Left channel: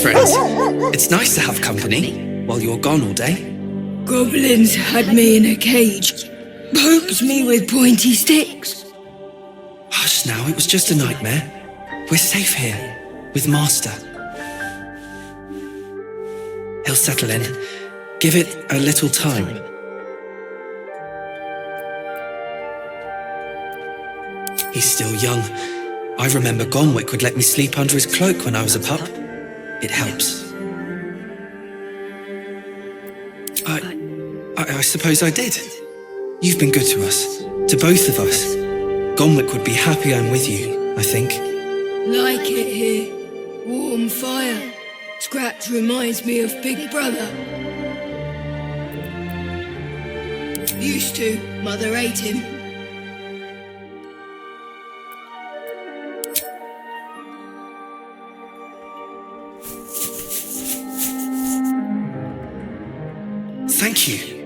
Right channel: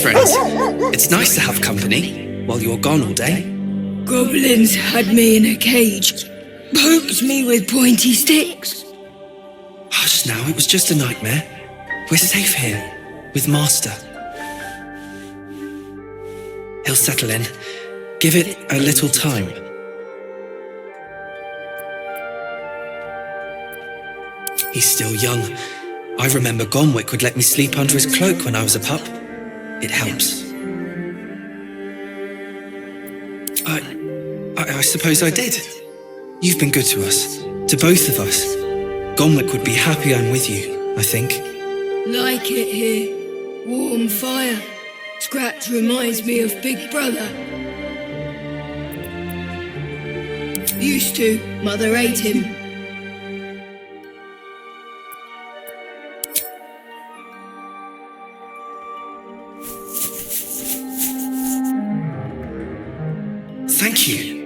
friends. It's nice to have company while you're gone all day. Goblins had me in a cage, poked me with pointy sticks. Hush now, it was just a nightmare. We're safe here, with Master. He'll settle in. Give it a little time. He's still young. I remember Gonwick would let me sleep under his cloak when I was a pup. It helps. I suppose I did. You've been good to us, to both of us. Gonwick would be happy I'm with you, I think. Like it here. Warm fire. Scratch reminds me of Big Brother. Used to. Mother ate him. Thank you.